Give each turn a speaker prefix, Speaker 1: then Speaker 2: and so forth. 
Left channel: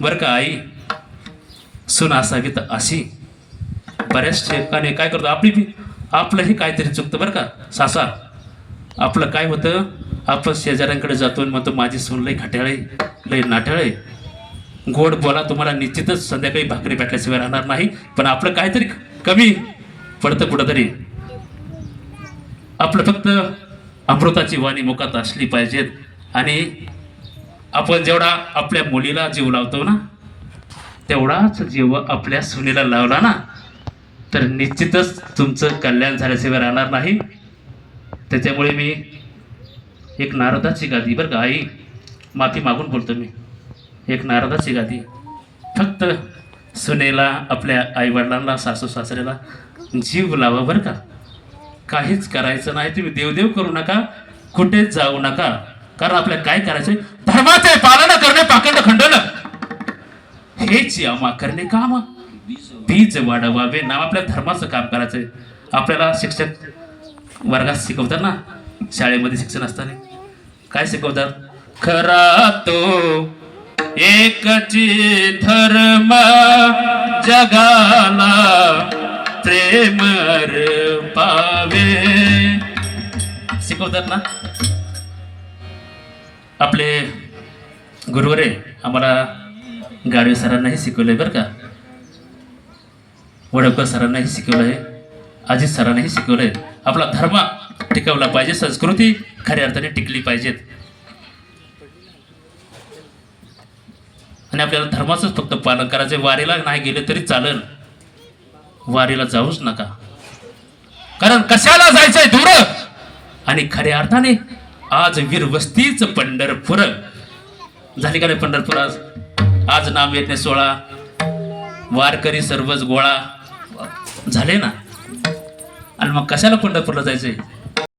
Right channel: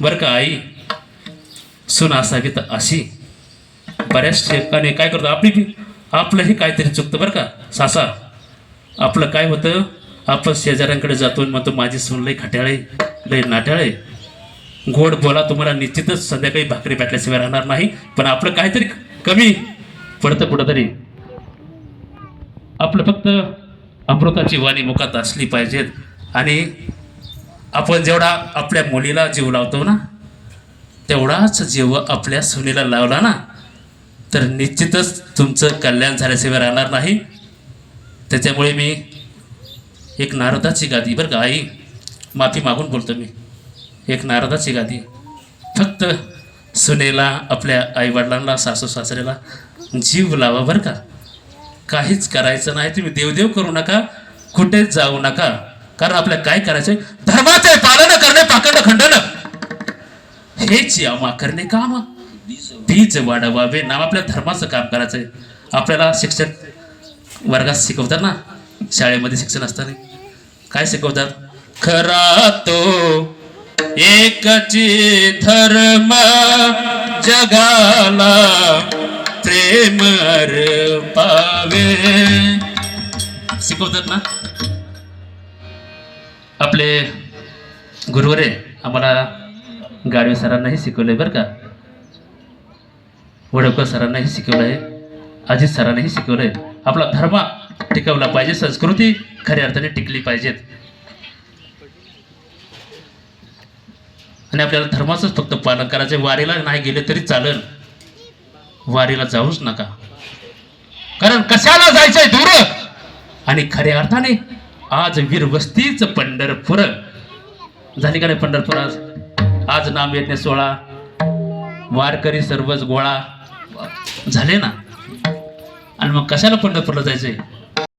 Speaker 1: बरं का आई? सुन असावी तर अशी. बऱ्याच ठिकाणी काय करतो आपली बी आपलंही काहीतरी चुकतं बरं का सासा. आपलं काय होतं आपण शेजाऱ्यांकडे जातो आणि म्हणतो माझी सून लई खट्याळे लई नाट्याळे गोड बोला तुम्हाला निश्चितच संध्याकाळी भाकरी भेटल्याशिवाय राहणार नाही पण आपलं काहीतरी कमी पडतं कुठंतरी. आपलं फक्त अमृताची वाणी मुखात असली पाहिजेत. आणि आपण जेवढा आपल्या मुलीला जीव लावतो ना तेवढाच जीव आपल्या सुनीला लावला ना तर निश्चितच तुमचं कल्याण झाल्याशिवाय राहणार नाही. त्याच्यामुळे मी एक नारदाची गादी बरं का आई माफी मागून बोलतो मी. एक नारदाची गादी. फक्त सुनेला आपल्या आईवडिलांना सासू सासऱ्याला जीव लावा बरं का. काहीच करायचं नाही तुम्ही देवदेव करू नका कुठेच जाऊ नका. कारण आपल्याला काय करायचंय? धर्माचे पालन करणे पाखंड खंडन. हेच यामा करणे काम. बीज वाढवावे. नाम आपल्या धर्माचं काम करायचंय. आपल्याला शिक्षक वर्गात शिकवतात ना? शाळेमध्ये शिक्षण असताना. काय शिकवतात? खरा तो एकची धर्म जगाला प्रेम पावे. शिकवतात ना? आपले गुरुवरे आम्हाला गाडवे सरांनाही शिकवलंय बरं का. वडवकर सरांनाही शिकवलंय. अजित सरांनाही शिकवलंय. आपला धर्म टिकवला पाहिजे. संस्कृती खऱ्या अर्थाने टिकली पाहिजेत. आणि आपल्याला धर्माचंच फक्त पालन करायचं वारीला नाही गेले तरी चालेल. वारीला जाऊच नका. कारण कशाला जायचंय दूर आणि खऱ्या अर्थाने आज वीरवस्तीच पंढरपूर. झाली का नाही पंढरपूर आज? आज नाम नाही सोळा. वारकरी सर्वच गोळा. झाले ना? आणि मग कशाला पंढरपूरला जायचंय?